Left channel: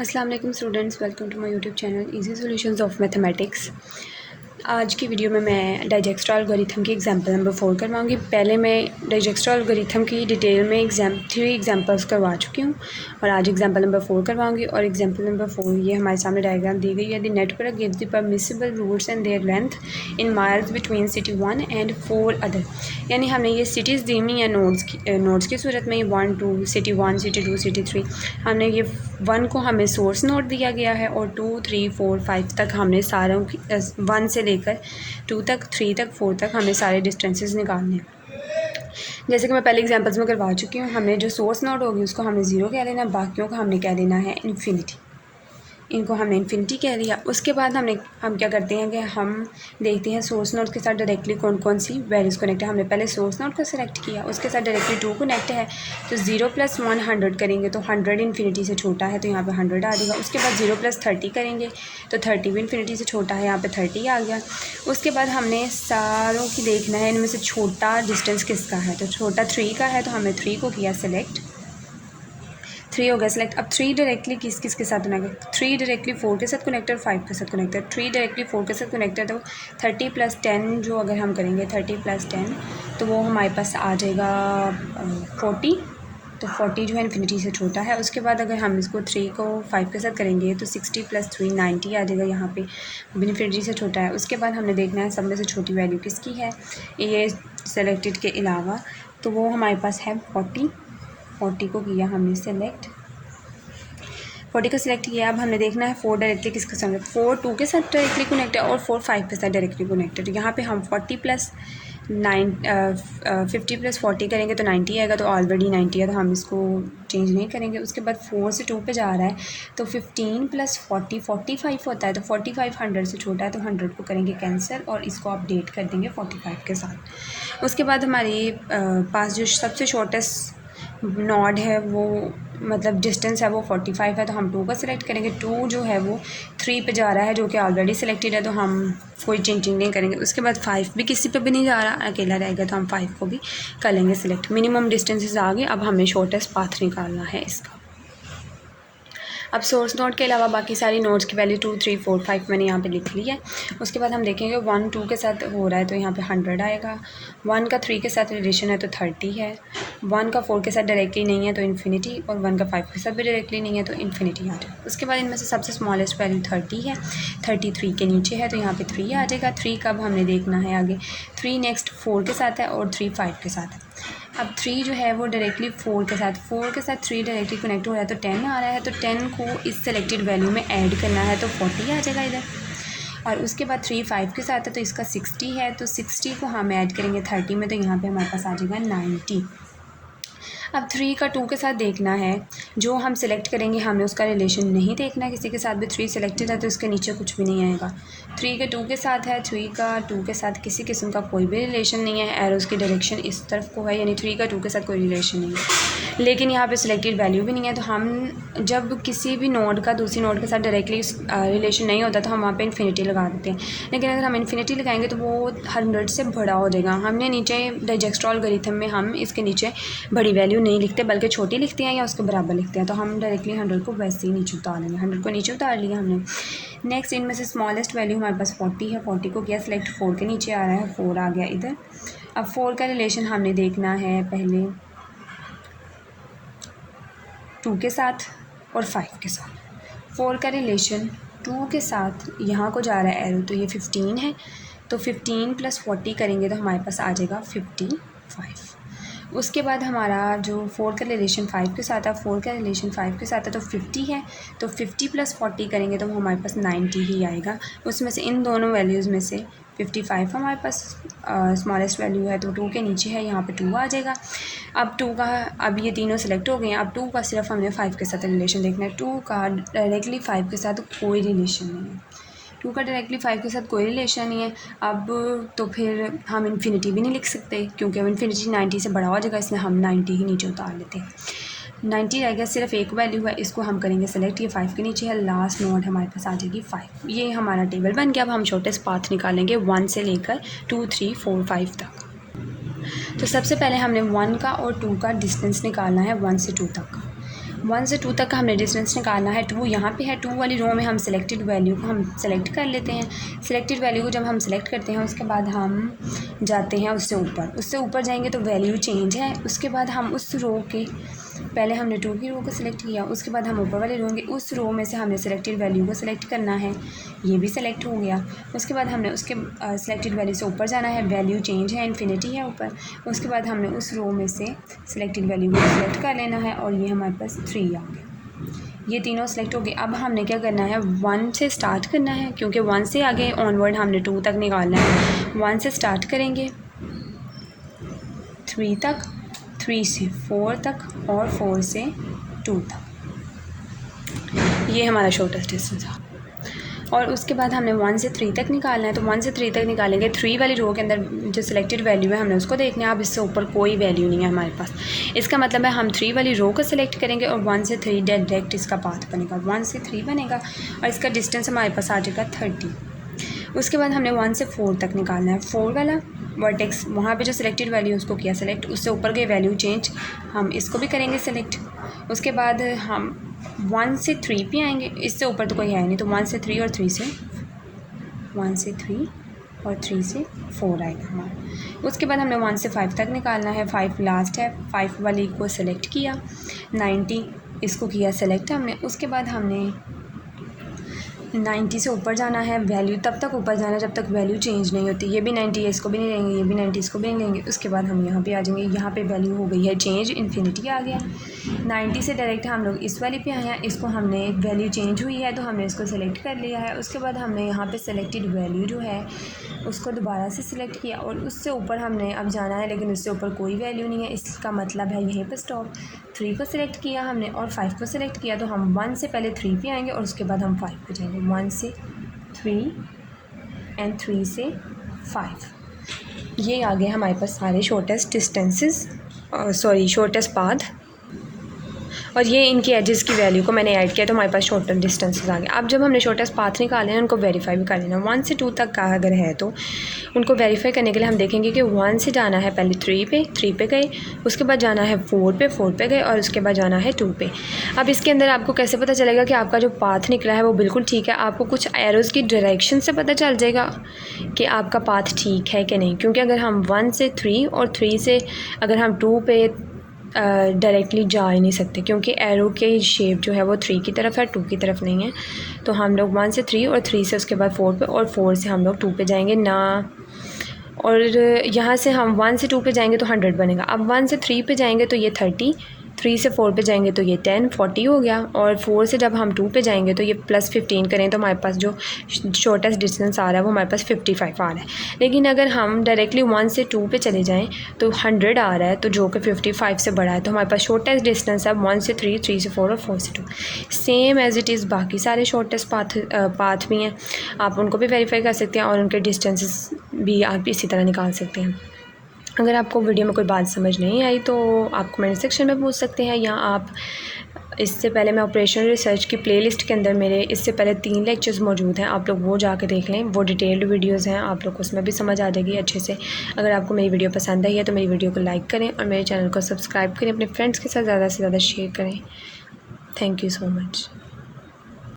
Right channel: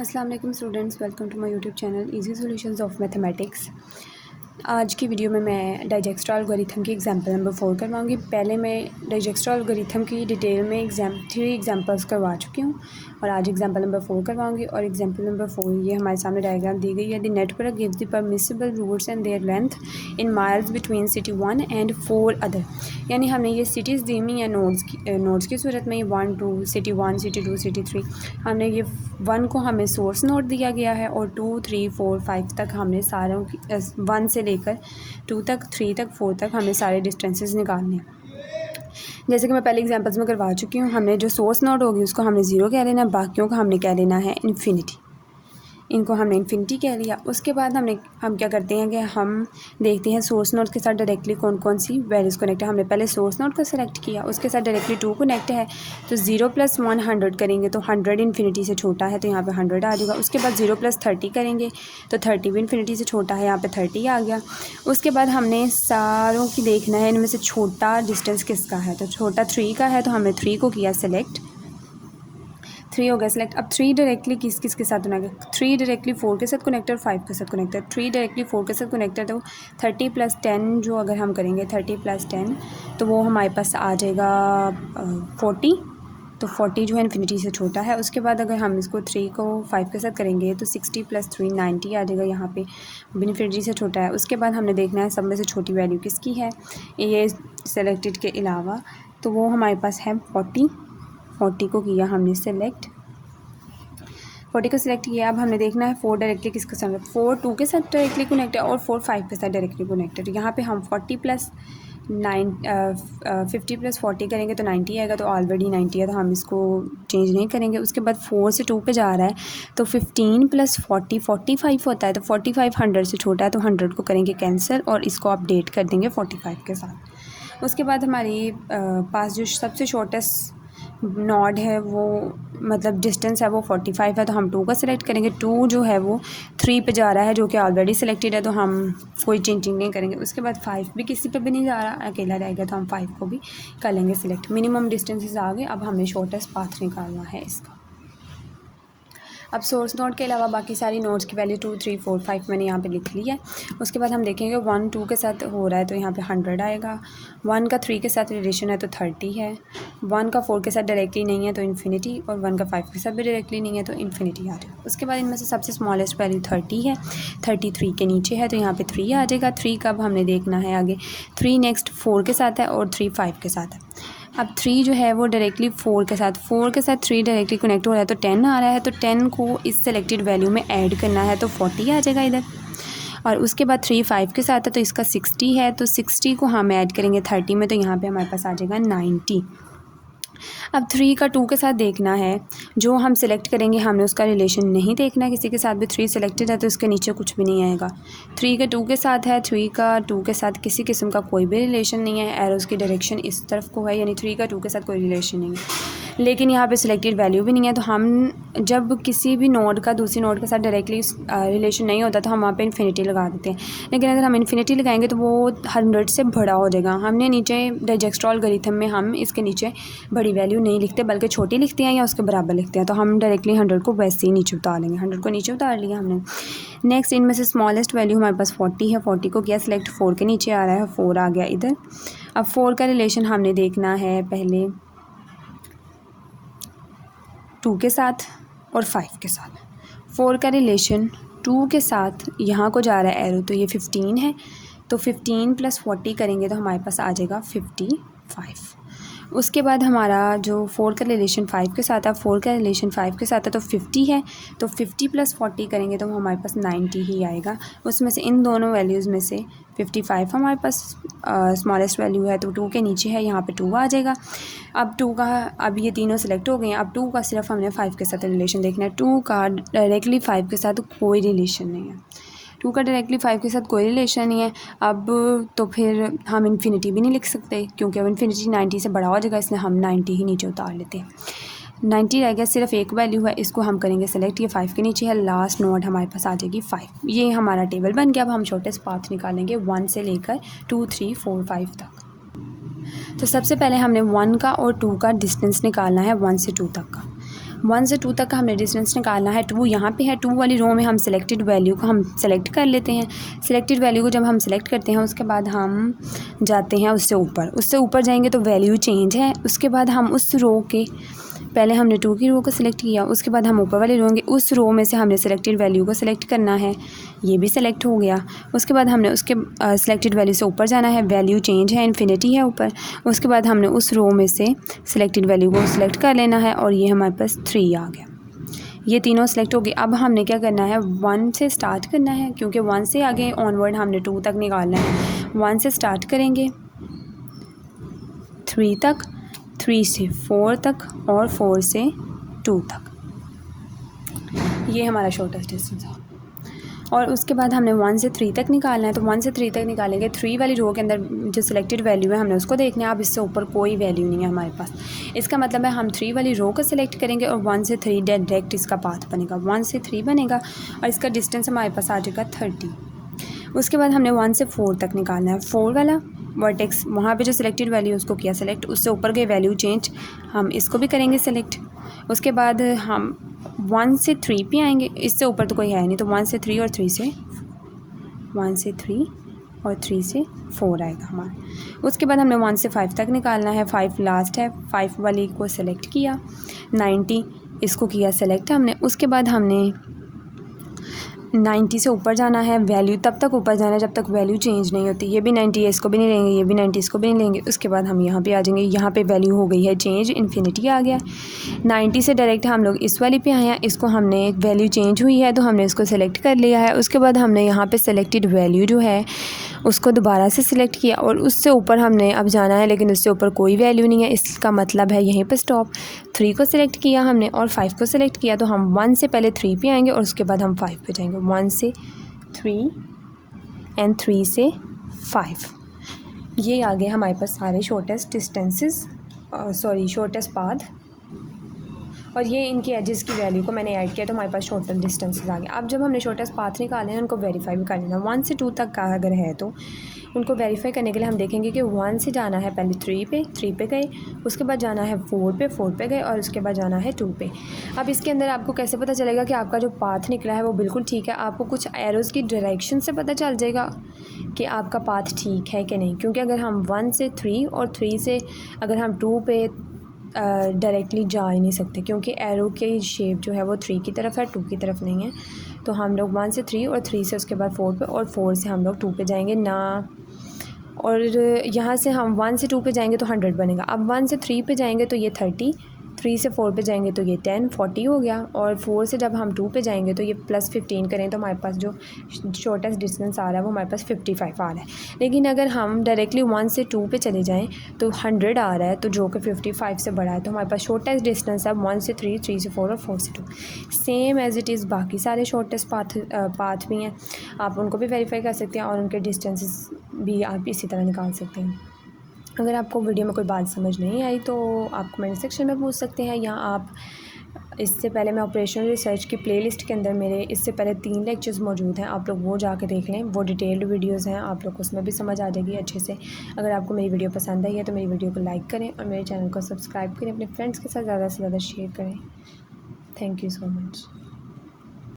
अस्सलाम वालेकुम students, welcome to my YouTube channel easy solutions of mathematics. आज की वीडियो में मैं डाइजेक्स्ट्रा एल्गोरिथम की एग्जांपल नंबर 4 करवाऊंगी। पहले मैं डाइजेक्स्ट्रा एल्गोरिथम की डिटेल में 3 एग्जांपल्स करवा चुकी हूँ और आज एग्जांपल नंबर 4 करवाऊंगी। और एग्जांपल नंबर 4 ये हमारे सामने डायग्राम दी गई है। The network gives the permissible routes and their length in miles between city 1 and 4 other. यानी हमें ये सिटीज़ दी हुई हैं नोड्स की सूरत में। 1 2 सिटी 1 सिटी 2 सिटी 3 हमने ये 1 को हमें सोर्स नोड दिया गया है और 2 3 4 5 तक हमने सारों की 1 से लेकर 2 तक 3 तक 4 तक हमें सारे डिस्टेंसेस निकालने हैं। जैसे कि मैं पहले एग्जांपल्स में करवा चुकी हूँ। हमने जो सोर्स नोड होगी उसको हमने 0 कह लेना, बाकियों का हमने कह लेना है इन्फिनिटी। इनको हमने इन्फिनिटी कह लिया। उसके बाद हम क्या करते हैं कि हम देखते हैं सोर्स नोड के साथ डायरेक्टली कौन कौन सी वैल्यूज़ कनेक्ट है। हमने पहले सोर्स नोड को सेलेक्ट किया, उसके साथ डायरेक्टली 2 कनेक्ट है तो 0 + 1 100 करेंगे तो 100 इन्फिनिटी से छोटा है तो यहाँ पे 100 आ जाएगा। उसके बाद 0 + 30 करेंगे तो 30 भी इन्फिनिटी से छोटा है, यहाँ पे 30 आ गया। उसके बाद हमने सारों की देखना है इनमें से छोटा डिस्टेंस किसका है, तो छोटा 3 का है तो हमने 3 को किया सेलेक्ट। 3 हो गया सेलेक्ट। अब 3 डायरेक्टली किस किस के साथ बनेगा, 3 डायरेक्टली 4 के साथ कनेक्टेड, 5 के साथ कनेक्टेड। 3 डायरेक्टली 4 के साथ कनेक्टेड तो 30 + 10 जो अगर हम करेंगे 30 + 10 तो वो हमारे पास आ जाएगा 40। तो 40 जो है इन्फिनिटी से छोटा है। उसके बाद अगर हम इसको 3 को 5 के साथ करेंगे तो 60 + 3 90 आ जाएगा, यहाँ पे इन्फिनिटी से छोटा है। उसके बाद हमने देखना है सब में से छोटी वैल्यू किसकी है ये सेलेक्टेड के अलावा, तो वो हमारे पास है 40 को किया हमने सेलेक्ट। 40 को सिलेक्ट किया। अब हमने देखना है 4 डायरेक्टली किसके साथ है, 4 2 के साथ डायरेक्टली कनेक्ट है और 4 5 के साथ डायरेक्टली कनेक्टेड। यहाँ पे हम 50 + 40 करेंगे तो 90 आएगा, तो ऑलरेडी 90 है तो हम इसको चेंज नहीं करेंगे। उसके बाद 4 से 2 पे जा रहा है तो 15 + 40 45 होता है, तो 45 100 से छोटा है तो 100 को करेंगे कैंसिल और इसको अपडेट कर देंगे 45 के साथ। उसके बाद हमारे पास जो सबसे शॉर्टेस्ट नॉड है वो मतलब डिस्टेंस है वो 45 है तो हम 2 का सिलेक्ट करेंगे। 2 जो है वो 3 पे जा रहा है जो कि ऑलरेडी सिलेक्टेड है तो हम कोई चेंजिंग नहीं करेंगे। उसके बाद 5 भी किसी पे भी नहीं जा रहा, अकेला रहेगा तो हम 5 को भी कर लेंगे सिलेक्ट। मिनिमम डिस्टेंसेस आ गए। अब हमें शॉर्टेस्ट पाथ निकालना है इसका। अब सोर्स नोड के अलावा बाकी सारी नोड्स की वैल्यू 2 3 4 5 मैंने यहाँ पे लिख ली है। उसके बाद हम देखेंगे 1 2 के साथ हो रहा है तो यहाँ पे 100 आएगा। 1 का 3 के साथ रिलेशन है तो 30 है। 1 का 4 के साथ डायरेक्टली नहीं है तो इन्फिनिटी, और 1 का 5 के साथ भी डायरेक्टली नहीं है तो इन्फिनिटी आ जाएगा। उसके बाद इनमें से सबसे स्मॉलेस्ट वैल्यू 30 है, 33 के नीचे है तो यहाँ पर 3 आ जाएगा। 3 का अब हमने देखना है आगे, 3 नेक्स्ट 4 के साथ है और 3 5 के साथ है। अब 3 जो है वो डायरेक्टली 4 के साथ 3 डायरेक्टली कनेक्ट हो रहा है तो 10 आ रहा है, तो 10 को इस सेलेक्टेड वैल्यू में ऐड करना है तो 40 आ जाएगा इधर। और उसके बाद 3 5 के साथ है तो इसका 60 है, तो 60 को हम ऐड करेंगे 30 में तो यहाँ पे हमारे पास आ जाएगा 90। अब 3 का 2 के साथ देखना है, जो हम सेलेक्ट करेंगे हमें उसका रिलेशन नहीं देखना किसी के साथ भी। 3 सेलेक्टेड है तो इसके नीचे कुछ भी नहीं आएगा। 3 के 2 के साथ है, 3 का 2 के साथ किसी किस्म का कोई भी रिलेशन नहीं है, एरोस की डायरेक्शन इस तरफ को है, यानी 3 का 2 के साथ कोई रिलेशन नहीं है। लेकिन यहाँ पे सिलेक्टेड वैल्यू भी नहीं है, तो हम जब किसी भी नोड का दूसरी नोड के साथ डायरेक्टली रिलेशन नहीं होता तो हम वहाँ पे इन्फिनिटी लगा देते हैं। लेकिन अगर हम इन्फिनिटी लगाएंगे तो वो 100 से बड़ा हो जाएगा। हमने नीचे डाइजेक्स्ट्रा एल्गोरिथम में हम इसके नीचे बड़ी वैल्यू नहीं लिखते बल्कि छोटी लिखते हैं या उसके बराबर लिखते हैं, तो हम डायरेक्टली 100 को वैसे ही नीचे उतार लेंगे। 100 को नीचे उतार लिया हमने। नेक्स्ट इनमें से स्मॉलेस्ट वैल्यू हमारे पास 40 है, 40 को किया सिलेक्ट। 4 के नीचे आ रहा है, 4 आ गया इधर। अब 4 का रिलेशन हमने देखना है पहले 2 के साथ और 5 के साथ। 4 का रिलेशन 2 के साथ यहाँ को जा रहा है एरो, तो ये 15 है, तो 15 + 40 करेंगे तो हमारे पास आ जाएगा 55। उसके बाद हमारा जो 4 का रिलेशन 5 के साथ है, 4 का रिलेशन 5 के साथ है तो 50 है, तो 50 + 40 करेंगे तो हमारे पास 90 ही आएगा। उसमें से इन दोनों वैल्यूज़ में से 55 हमारे पास स्मॉलेस्ट वैल्यू है तो 2 के नीचे है, यहाँ पे 2 आ जाएगा। अब 2 का, अब ये तीनों सेलेक्ट हो गए हैं। अब 2 का सिर्फ हमने 5 के साथ रिलेशन देखना है। 2 का डायरेक्टली 5 के साथ कोई रिलेशन नहीं है। 2 का डायरेक्टली 5 के साथ कोई रिलेशन नहीं है। अब तो फिर हम इन्फिनिटी भी नहीं लिख सकते क्योंकि अब इन्फिनिटी 90 से बड़ा हो जाएगा, इसलिए हम 90 ही नीचे उतार लेते हैं। 90 रह गया, सिर्फ एक वैल्यू है, इसको हम करेंगे सेलेक्ट। ये 5 के नीचे है, लास्ट नोड हमारे पास आ जाएगी 5। ये हमारा टेबल बन गया। अब हम शॉर्टेस्ट पाथ निकालेंगे 1 से लेकर 2 3 4 5 तक। तो सबसे पहले हमने 1 का और 2 का डिस्टेंस निकालना है 1 से 2 तक का। 1 से 2 तक का हमने डिस्टेंस निकालना है। 2 यहाँ पे है, 2 वाली रो में हम सिलेक्टेड वैल्यू को हम सेलेक्ट कर लेते हैं। सिलेक्टेड वैल्यू को जब हम सेलेक्ट करते हैं उसके बाद हम जाते हैं उससे ऊपर जाएंगे तो वैल्यू चेंज है। उसके बाद हम उस रो के पहले हमने 2 की रो को सिलेक्ट किया, उसके बाद हम ऊपर वाले रो होंगे, उस रो में से हमने सिलेक्टेड वैल्यू को सिलेक्ट करना है। ये भी सिलेक्ट हो गया। उसके बाद हमने उसके सिलेक्टेड वैल्यू से ऊपर जाना है, वैल्यू चेंज है, इन्फिनिटी है ऊपर। उसके बाद हमने उस रो में से सिलेक्टेड वैल्यू को सिलेक्ट कर लेना है और ये हमारे पास 3 आ गया। ये तीनों सेलेक्ट हो गए। अब हमने क्या करना है, 1 से स्टार्ट करना है, क्योंकि 1 से आगे ऑनवर्ड हमने 2 तक निकालना है। 1 से स्टार्ट करेंगे 3 तक, 3 से 4 तक और 4 से 2 तक। ये हमारा शॉर्टेस्ट डिस्टेंस है। और उसके बाद हमने 1 से 3 तक निकालना है, तो 1 से 3 तक निकालेंगे। 3 वाली रो के अंदर जो सिलेक्टेड वैल्यू है हमने उसको देखना है। अब इससे ऊपर कोई वैल्यू नहीं है हमारे पास। इसका मतलब है हम 3 वाली रो को सिलेक्ट करेंगे और 1 से 3 डायरेक्ट इसका पाथ बनेगा, 1 से 3 बनेगा और इसका डिस्टेंस हमारे पास आ जाएगा 30। उसके बाद हमने 1 से 4 तक निकालना है। 4 वाला वर्टेक्स, वहाँ पे जो सिलेक्टेड वैल्यू उसको किया सेलेक्ट, उससे ऊपर गई वैल्यू चेंज, हम इसको भी करेंगे सेलेक्ट। उसके बाद हम 1 से 3 पे आएंगे, इससे ऊपर तो कोई है नहीं, तो 1 से 3 और 3 से 1 से 3 और 3 से 4 आएगा हमारा। उसके बाद हमने 1 से 5 तक निकालना है। 5 लास्ट है, 5 वाली को सेलेक्ट किया, 90 इसको किया सेलेक्ट हमने। उसके बाद हमने 90 से ऊपर जाना है, वैल्यू तब तक ऊपर जाना है जब तक वैल्यू चेंज नहीं होती। ये भी 90 है, इसको भी नहीं लेंगे, ये भी 90 इसको भी नहीं लेंगे। उसके बाद हम यहाँ पे आ जाएंगे, यहाँ पे वैल्यू हो गई है चेंज, इन्फिनिटी आ गया। 90 से डायरेक्ट हम लोग इस वाली पे आए हैं, इसको हमने वैल्यू चेंज हुई है तो हमने इसको सेलेक्ट कर लिया है। उसके बाद हमने यहाँ पे सेलेक्टेड वैल्यू जो है उसको दोबारा से सिलेक्ट किया और उससे ऊपर हमने अब जाना है, लेकिन उससे ऊपर कोई वैल्यू नहीं है, इसका मतलब है यहीं पे स्टॉप। 3 को सिलेक्ट किया हमने और 5 को सिलेक्ट किया, तो हम 1 से पहले 3 पे आएंगे और उसके बाद हम 5 पे जाएंगे। 1 से 3 एंड 3 से 5। ये आ गए हमारे पास सारे शॉर्टेस्ट डिस्टेंसेस, शॉर्टेस्ट पाथ। और ये इनकी एजेस की वैल्यू को मैंने ऐड किया तो हमारे पास शॉर्टेस्ट डिस्टेंसेस आ गए। अब जब हमने शॉर्टेस्ट पाथ निकाले हैं उनको वेरीफाई भी कर लेना। 1 से 2 तक का अगर है तो उनको वेरीफाई करने के लिए हम देखेंगे कि 1 से जाना है पहले 3 पे गए, उसके बाद जाना है 4 पे गए और उसके बाद जाना है 2 पे। अब इसके अंदर आपको कैसे पता चलेगा कि आपका जो पाथ निकला है वो बिल्कुल ठीक है? आपको कुछ एरोज़ की डायरेक्शन से पता चल जाएगा कि आपका पाथ ठीक है कि नहीं। क्योंकि अगर हम 1 से 3 और 3 से अगर हम 2 पे डायरेक्टली जा ही नहीं सकते, क्योंकि एरो की शेप जो है वो 3 की तरफ है, 2 की तरफ नहीं है। तो हम लोग 1 से 3 और 3 से उसके बाद 4 पे और 4 से हम लोग 2 पे जाएंगे ना। और यहाँ से हम 1 से 2 पे जाएंगे तो 100 बनेगा। अब 1 से 3 पे जाएंगे तो ये 30, 3 से 4 पे जाएंगे तो ये 10, 40 हो गया। और 4 से जब हम 2 पे जाएंगे तो ये +15 करें तो हमारे पास जो शॉर्टेस्ट डिस्टेंस आ रहा है वो हमारे पास 55 आ रहा है। लेकिन अगर हम डायरेक्टली 1 से 2 पे चले जाएं तो 100 आ रहा है, तो जो कि 55 से बड़ा है, तो हमारे पास शॉर्टेस्ट डिस्टेंस है 1 से 3, 3 से 4 और 4 से 2। सेम एज़ इट इज़ बाकी सारे शॉर्टेस्ट पाथ भी हैं, आप उनको भी वेरीफाई कर सकते हैं और उनके डिस्टेंसेस भी आप इसी तरह निकाल सकते हैं। अगर आपको वीडियो में कोई बात समझ नहीं आई तो आप कमेंट सेक्शन में पूछ सकते हैं, या आप इससे पहले मैं ऑपरेशनल रिसर्च की प्लेलिस्ट के अंदर मेरे इससे पहले 3 लेक्चर्स मौजूद हैं, आप लोग वो जाकर देख लें। वो डिटेल्ड वीडियोज़ हैं, आप लोग को उसमें भी समझ आ जाएगी अच्छे से। अगर आपको मेरी वीडियो पसंद आई है तो मेरी वीडियो को लाइक करें और मेरे चैनल को सब्सक्राइब करें, अपने फ्रेंड्स के साथ ज़्यादा से ज़्यादा शेयर करें। Thank you so much.